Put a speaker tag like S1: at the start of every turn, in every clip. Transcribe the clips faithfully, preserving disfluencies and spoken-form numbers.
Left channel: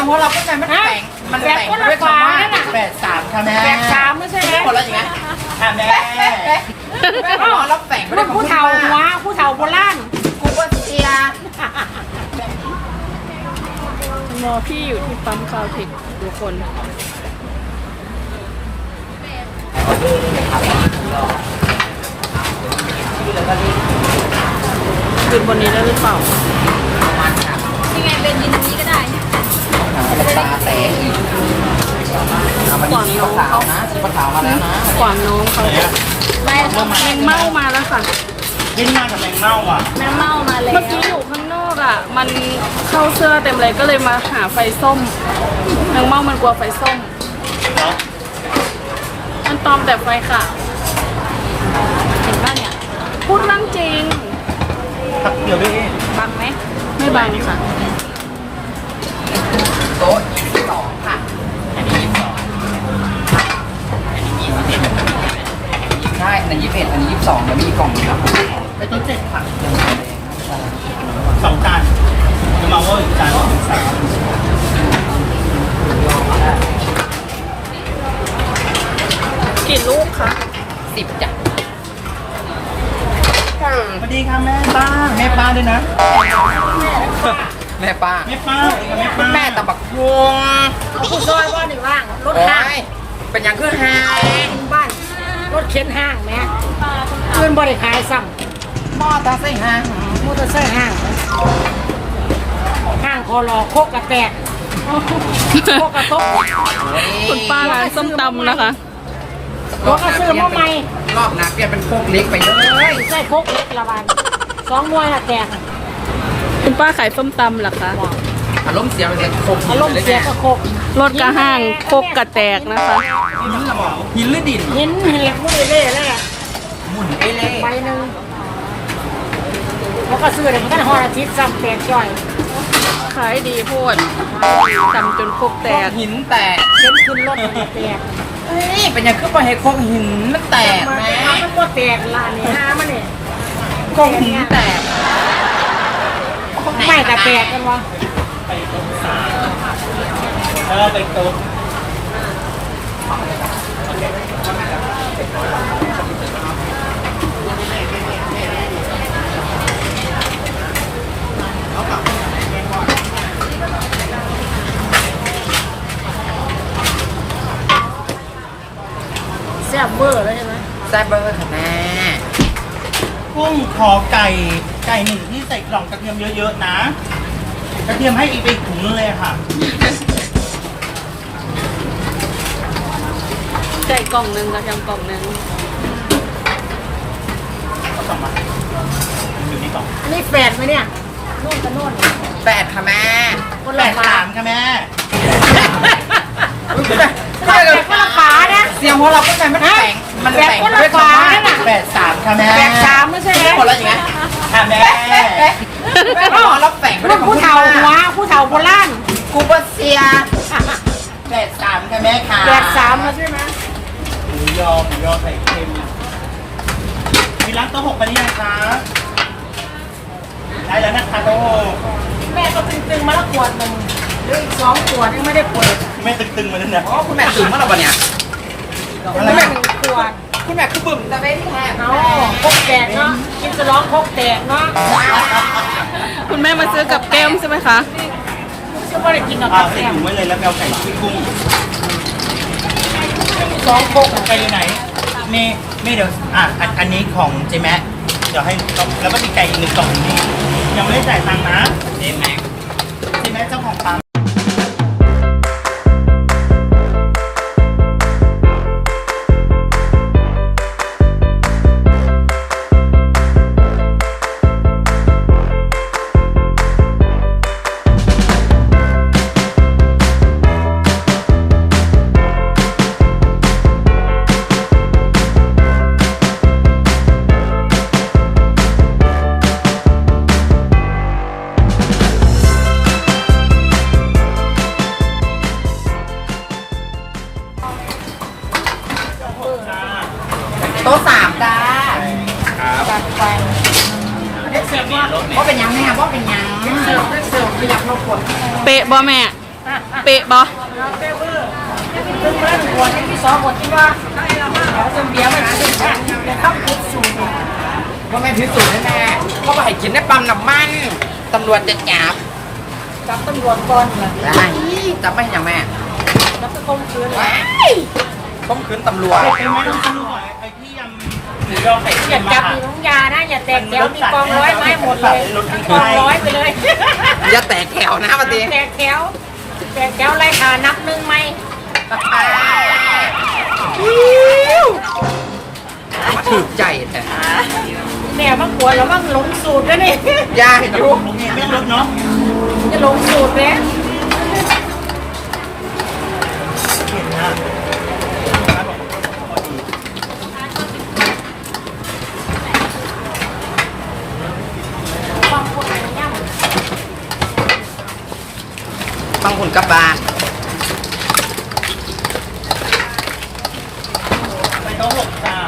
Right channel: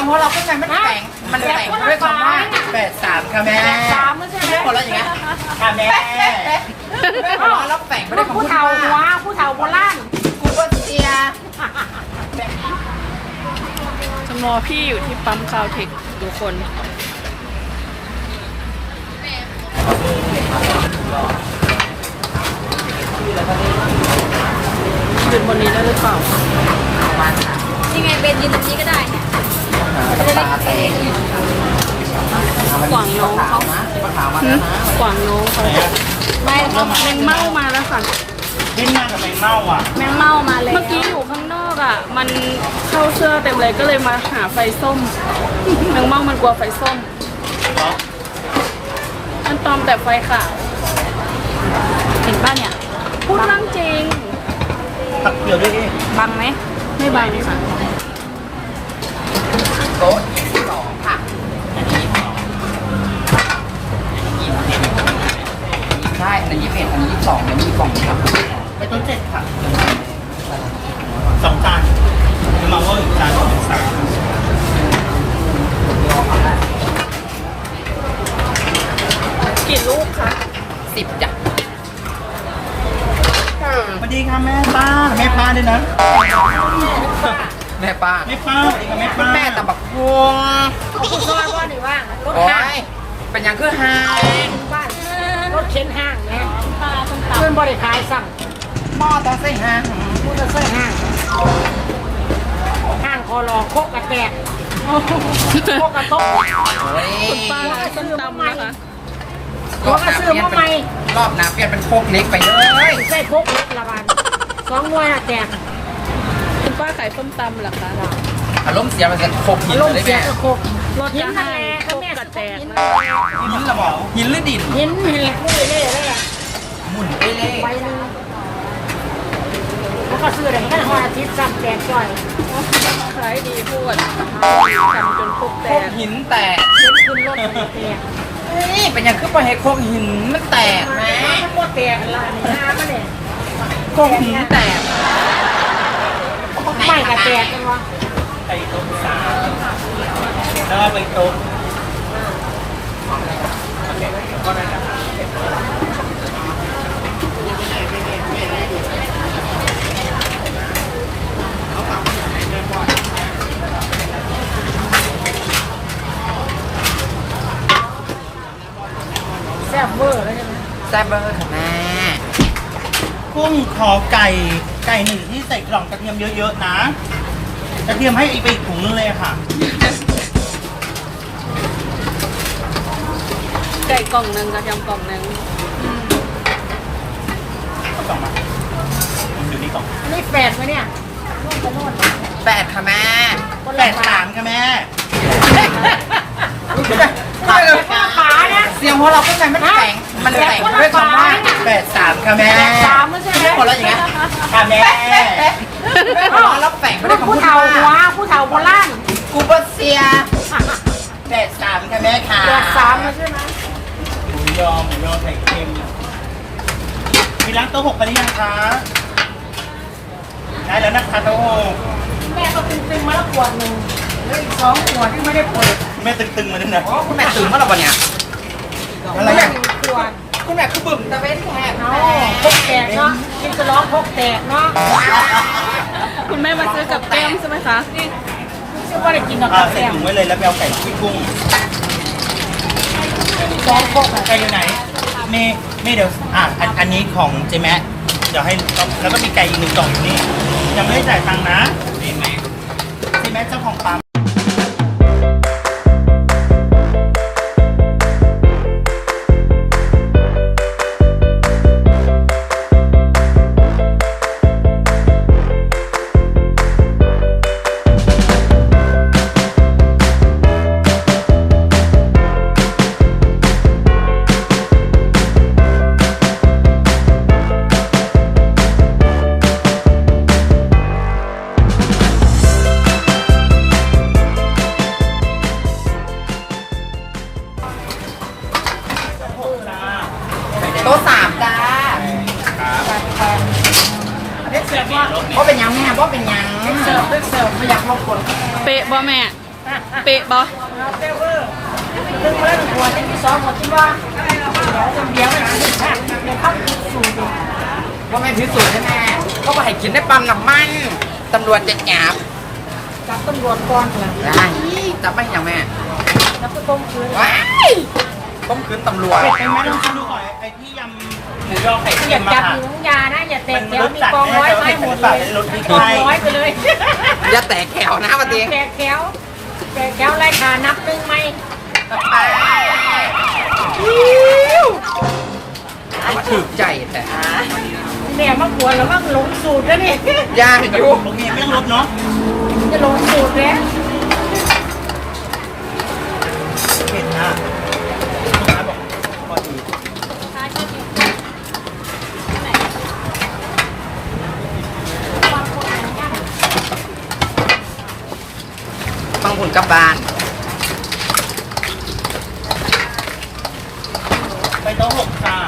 S1: เพราะเราก็ใจมันแฝงมันแฝงไปด้วยคำว่าแปดสามค่ะแม่แปดสามไม่ใช่ไหมคนละอย่างเงี้ยค่ะแม่แม่หัวเราะแล้วแฝงไปด้วยคำพูดว่าผู้เฒ่าโบราณกูก็เสีย
S2: จำลอพี่อยู่ที่ปั๊มคาวเทคทุกคนยืนบนนี้ได้หรือเปล่า
S3: ยังไงเป็นยืนตรงนี้ก็ได้
S1: ตาแตก
S2: ขวางน้องเขาขวางน้องเขาแมงเม่ามาแล้วค่ะ
S4: ดิ้นมากกับแมงเม่าอ่ะ
S2: แมงเม่ามาเลยเมื่อกี้อยู่ข้างนอกอ่ะมันเข้าเสื้อเต็มเลยก็เลยมาหาไฟส้มแมงเม่ามันกลัวไฟส้มมันตอมแต่ไฟขาวจริงป่ะเนี่ยพูดเรื่องจริง
S4: ตักเกี่ยวด้วย
S2: บังไหมไม่บังค่ะ
S1: โต๊ะยี่สิบสองค่ะใช่อันนี้ยี่สิบเอ็ดอันนี้ยี่สิบสองแล้วมีกล่องครับ
S4: ไปโต๊ะเจ็ดค่ะสองจานจะมาว่าอีกจานสองสาม
S2: กี่ลูกคะ
S1: สิบจ้ะ
S4: สวัสดีค่ะแม่ป้าแม่ป้าด้วยนะ
S1: แม่ป้า
S4: แม่ป้าแม่ป้า
S1: แม่ตะบักพวงโอ้ยเป็นอย่างคือห้าง
S5: บ้านรถเข็นห้างแม่เพื่อนบริขายสั่ง
S1: หม้อตาใส่ห้าง
S5: มอเตอร์ไซค์ห้างห้างคอรอโคกกระแตกโคกกระทบ
S2: คุณป้าร้านส้มตำนะคะ
S5: หัวกระซื้อมาใหม่
S1: รอบหน้าเปลี่ยนเป็นโคกเล็กไปเลย
S5: ใช่โคกเล็กละวันสองมวยละแตก
S2: คุณป้าขายส้มตำเหรอคะ
S1: อารมณ์เสียมันจะโคก
S5: อารมณ์เสียก็โคก
S2: รถกระห้างโคกกระแตกนะคะ
S1: หินหรอหินหรือดิน
S5: หินหินมุ้ยเล่เล่
S1: หมุนเอเล่
S5: ใบหนึ่งแล้วก็ซื้อถึงได้หออาทิตย์สั่งแตกจ่อย
S2: ขายดีพูดทำจนโคกแตก
S1: หินแตก
S5: เข็นขึ้นรถแตก
S1: เฮ้ยเป็นอย่างคือปล่อยให้โคกหินมันแตกไหม
S5: มันก็แตกละนี่น้ำมันเนี่ย
S1: โคกหินแตก
S5: ไม่กระแตกกันวะ
S4: ไปโต๊ะสามแล้วไปโต๊ะ
S5: แซ่บเวอร์แล้วใช่ไหม
S1: แซ่บเบอร์ค่ะแม่
S4: กุ้งขอไก่ไก่หนึ่งที่ใส่กล่องกระเทียมเยอะๆนะกระเทียมให้อีกไปอีกถุงนึงเลยค่ะ
S2: ไก่กล่องหนึ่งกระเทียมกล่องหนึ่ง
S4: กล่องมาอยู่นี่กล่อง
S5: นี่แฝดไหมเนี่ยนู่นจะนู่น
S1: แฝดค่ะแม่
S4: แฝดสามค่ะแม่
S5: ขาขาเนี่ย
S1: เสียงหัวเราก็ใจมันแฝงมันแฝงไปด้วยคำว่าแปดสามค่ะแม่
S5: แปดสามไม่ใช่ไหม
S1: คนละอย่างเงี้ย
S4: ค่ะแม่
S1: หัวเราะแล้วแฝงไปด้วยคำพูดว่า
S5: ผู้เฒ่าโบราณ
S1: กูก็เสียแปดสามค่ะแม่ค่ะ
S5: แปดสามใช่ไหม
S4: หมูยอหมูยอไข่เค็มมีร้านโต๊ะหกไปหรือยังคะได้แล้วนะคะโต๊ะหก
S5: แม่ก็ตึงๆมาแล้วขวดหนึ่งเหลืออีกสองขวดที่ไม่ได้เปิด
S4: แม่ตึงๆมาเนี่ย
S1: อ๋อคุณแม่ตึงเมื่อไหร่วะเนี่ย
S5: คุณแม่ขวด
S1: คุณแม่คือบึ้มตะเวนแทน
S5: เนาะพกแตกเนาะกินจะร้องพกแตกเนาะ
S2: คุณแม่มาซื้อกับแก้มใช่ไหมคะ
S5: เชื่อว่าได้กินกับ
S4: ใส่ถุงไว้เลยแล้วแมวไก่ที่กุ้ง
S5: สองพก
S4: ไก่อยู่ไหนมีมีเดี๋ยวอ่ะอันนี้ของเจแมะเดี๋ยวให้แล้วก็มีไก่อีกหนึ่งกล่องนี่ยังไม่ได้จ่ายตังค์นะเจแมะเจแมะเจ้าของร้าน
S1: โต๊ะสามจ้าเด็กเสิร์ฟว่าเพราะเป็นยังแม่เพราะเป็นยังเสิร์ฟเสิร์ฟไม่อยากเข้าคน
S2: เป๊ะบ่แม่เป๊ะบอ
S5: เอาเปเวอร์ซึ่งเมื่อหัวที่สองหมดที่ว่าขอจนเบียร์ไม่หาเรื่องแค่เข้าคิดสูตร
S1: ว่าไม่พิสูจน์แน่ๆเขาบอกให้กินได้ปั๊มน้ำมันตำรวจจะจับ
S5: จับตำรวจก่อนเลย
S1: ได้จับไม่ยังแม่
S5: แล้วก็คมคืน
S1: ว้ายต้มคืนตำรวจ
S4: ไอ้แม่ลองชิมดูก่อนไอ้ที่ยำหมูยอไข่
S5: อ
S4: เค็
S5: ย่าม
S4: มา
S5: จับ
S4: ค่ะ
S5: มีน้องยานะอย่าแตกแถวมีกองร้อยไม้หมดเลยกองร้อยไปเลย
S1: อย่าแตกแถวนะปะตี
S5: แตกแถวแตกแถวไล่ขานับหนึ่งไหม
S1: มาถึกใจแต่
S5: เนี่ยมะขวดแล้วมั่งหลงสูตรแล้วนี่
S1: ยากอยู่
S4: โอเคไม่ลดเนาะ
S5: จะหลงสูตรแล้ว
S4: เผ็ดมากลูกค้าบอกพอดี
S1: ต้องหุ่นกลับบ้าน
S4: ไปโต๊ะหกจ้า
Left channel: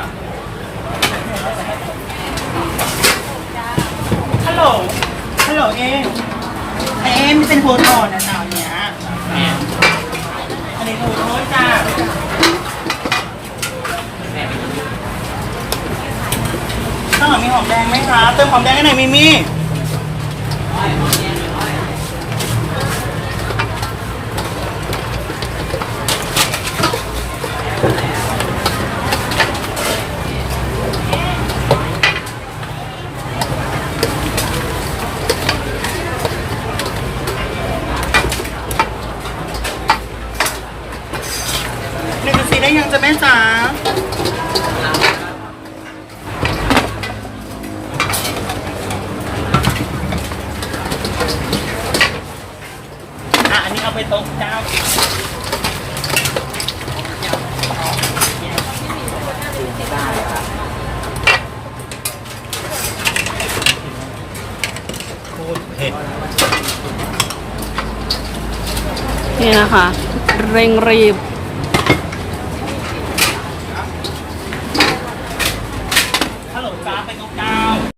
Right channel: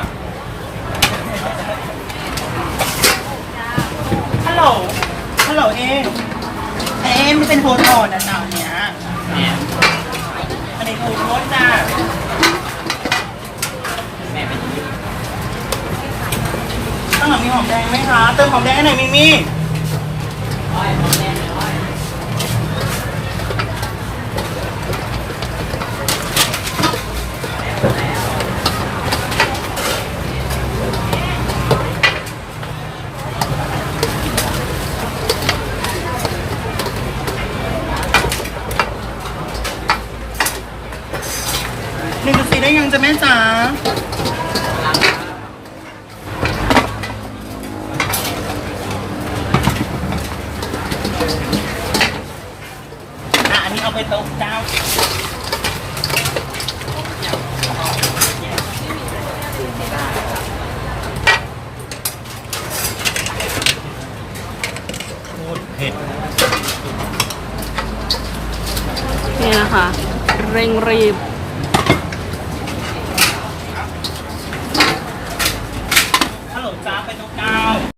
S4: ฮัลโหลฮัลโหลเองเอ็มไม่เป็นโทรโทรนะจ๊ะเนี้ยอันนี้โทรโทรจ้าข้างหลังมีหอมแดงไหมคะเติมหอมแดงให้หน่อยมิมี่ หนึ่งจุดสี่ได้ยังจะแม่จ๋าอ่ะอันนี้เอาไปโต๊ะเจ้าโคตรเผ็ด
S2: นี่นะคะ เร่งรีบ
S4: ฮัลโหลจ้าไปโต๊ะเก้า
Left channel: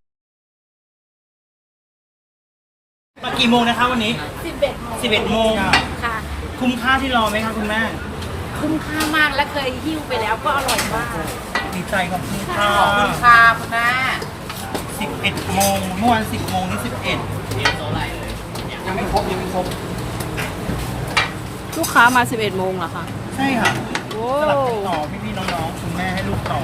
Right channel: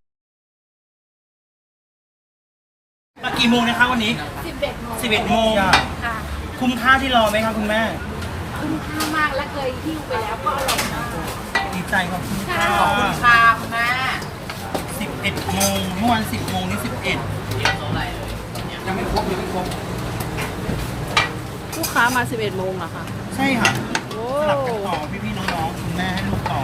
S4: อ่ะกี่โมงนะคะวันนี้สิบเอ็ดโมงสิบเอ็ดโมงอ่ะ
S5: ค่ะ
S4: คุ้มค่าที่รอไหมคะคุณแม่
S5: คุ้มค่ามากและเคยหิ้วไปแล้วก็อร่อยมาก
S4: ดีใจขอบคุณค่ะ
S1: ขอบคุณค่ะคุณแม่
S4: สิบเอ็ดโมงเมื่อวานสิบโมงนี่สิบเอ็ด
S1: ยังไม่ครบยังไม่ครบ
S2: ลูกค้ามาสิบเอ็ดโมงเหรอคะ
S4: ใช่ค่ะ
S2: โอ้
S4: สลับกันต่อพี่ๆน้องๆคุณแม่ให้ลูกต่อ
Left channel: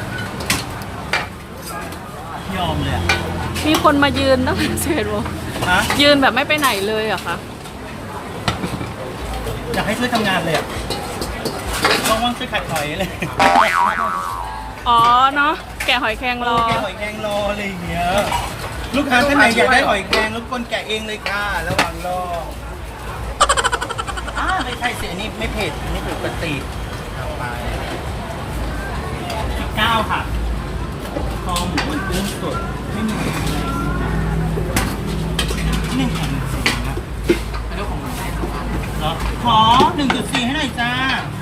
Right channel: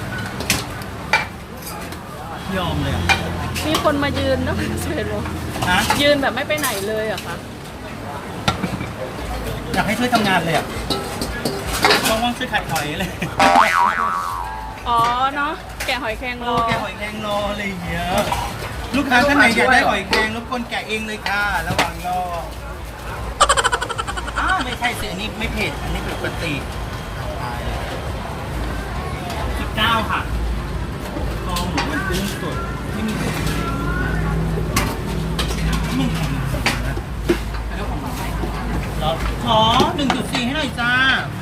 S4: ยอมเลยอ่ะ
S2: มีคนมายืนตั้งแต่สิบเอ็ดโมง
S4: ฮะ
S2: ยืนแบบไม่ไปไหนเลยเหรอคะ
S4: อยากให้ช่วยทำงานเลยอ่ะว่างๆช่วยขัดหอยเลย
S2: อ๋อเนาะแกะหอยแครงร
S4: โล
S2: อ
S4: แกะหอยแครงรออะไรอย่างเงี้ยลูกค้าท่านไหนอยากได้หอยแครงรบกวนแกะเองเลยค่ะ ระหว่างรออ้าไม่ใช่สิอันนี้ไม่เผ็ดอันนี้ปกติเอาไปสิบเก้าค่ะคอหมูมันกุ้งสดไม่มีอะไรหนึ่งแข็งสีนะแล้วขอหนึ่งจุดสี่ให้หน่อยจ้า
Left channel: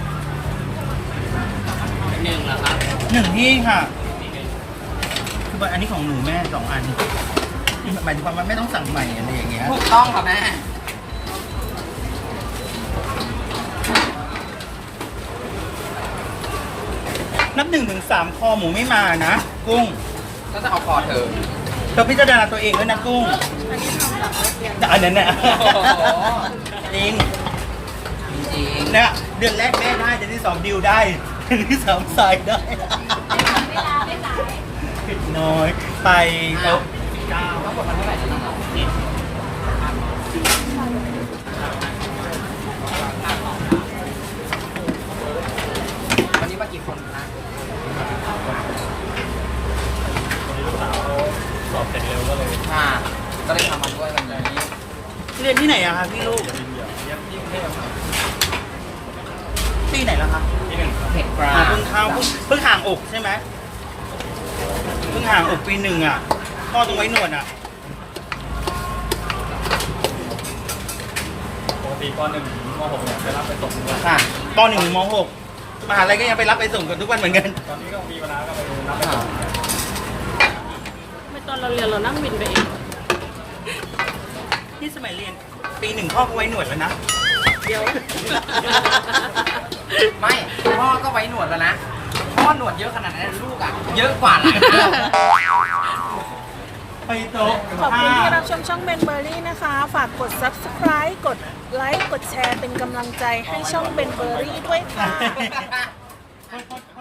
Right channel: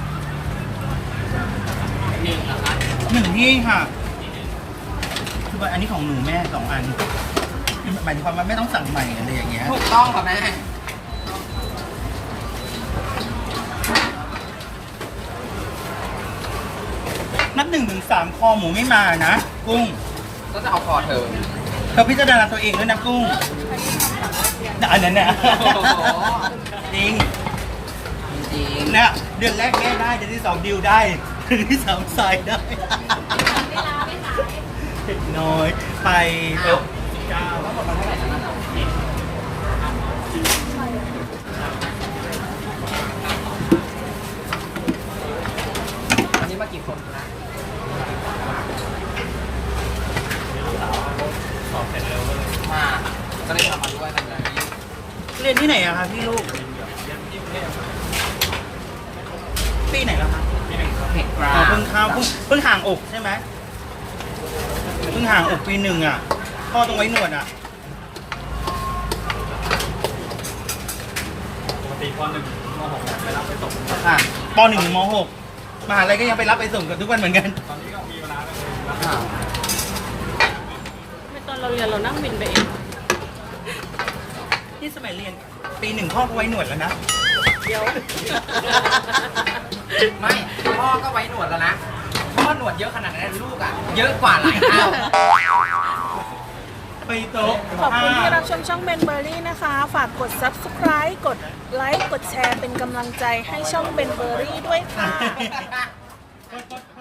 S4: หนึ่งแล้วครับหนึ่งที่ค่ะ คือว่าอันนี้ของหนูแม่สองอันคือหมายถึงความว่าไม่ต้องสั่งใหม่อะไรอย่างเงี้ย
S1: ถูกต้องค่ะแม่
S4: นับหนึ่งถึงสามคอหมูไม่มานะ กุ้ง
S1: ก็จะเอาคอเธอ
S4: เธอพิจารณาตัวเองด้วยนะกุ้งอันนั้นน่ะจริง
S1: จริง
S4: เนี่ยเดือนแรกแม่ได้เดือนที่สองดิวได้เดือนที่สามสายได้เผ็ดน้อยไปโต๊ะสิบเก้า
S1: ๆมันเท่าไหร่จะนั่งเอาวันนี้มากี่คนนะค่ะก็เลยทำมาด้วยวันนี้
S4: เรียนที่ไหนอะคะพี่ลูกปีไหนแล้วคะ
S1: เผ็ดกรา
S4: อ๋อเพิ่งเข้าเพิ่งเพิ่งห่างอกใช่ไหมเพิ่งห่างอกปีหนึ่งอ่ะพ่อตรงไว้หนวดอ่ะปกติปหนึ่งมหกเนี่ยไปรับไปส่งอ่ะปหนึ่งถึงมหกมหาลัยก็ยังไปรับไปส่งกันทุกวันเหมือนกันตอนนี้ก็มีเวลาก็ไปรับไปหา
S2: ไม่ตอนเราเรียนเรานั่งวินไปเอง
S4: ที่สมัยเรียนปีหนึ่งพ่อก็ไว้หนวดแล้วนะ
S2: เดี๋ยว
S1: ไม่พ่อก็ไว้หนวดแล้วนะพ่อหนวดเยอะขนาดนั้นลูกอ่ะเยอะกว่าหลายเท่า
S4: ไปโต๊ะ
S2: ขอบคุณที่รับชมช่องเบนเบอรี่นะคะ ฝากกด ซับสไครบ์ กดไลค์ กดแชร์เป็นกำลังใจให้ช่องเบนเบอรี่ด้วยค่ะ
S4: ค่ะ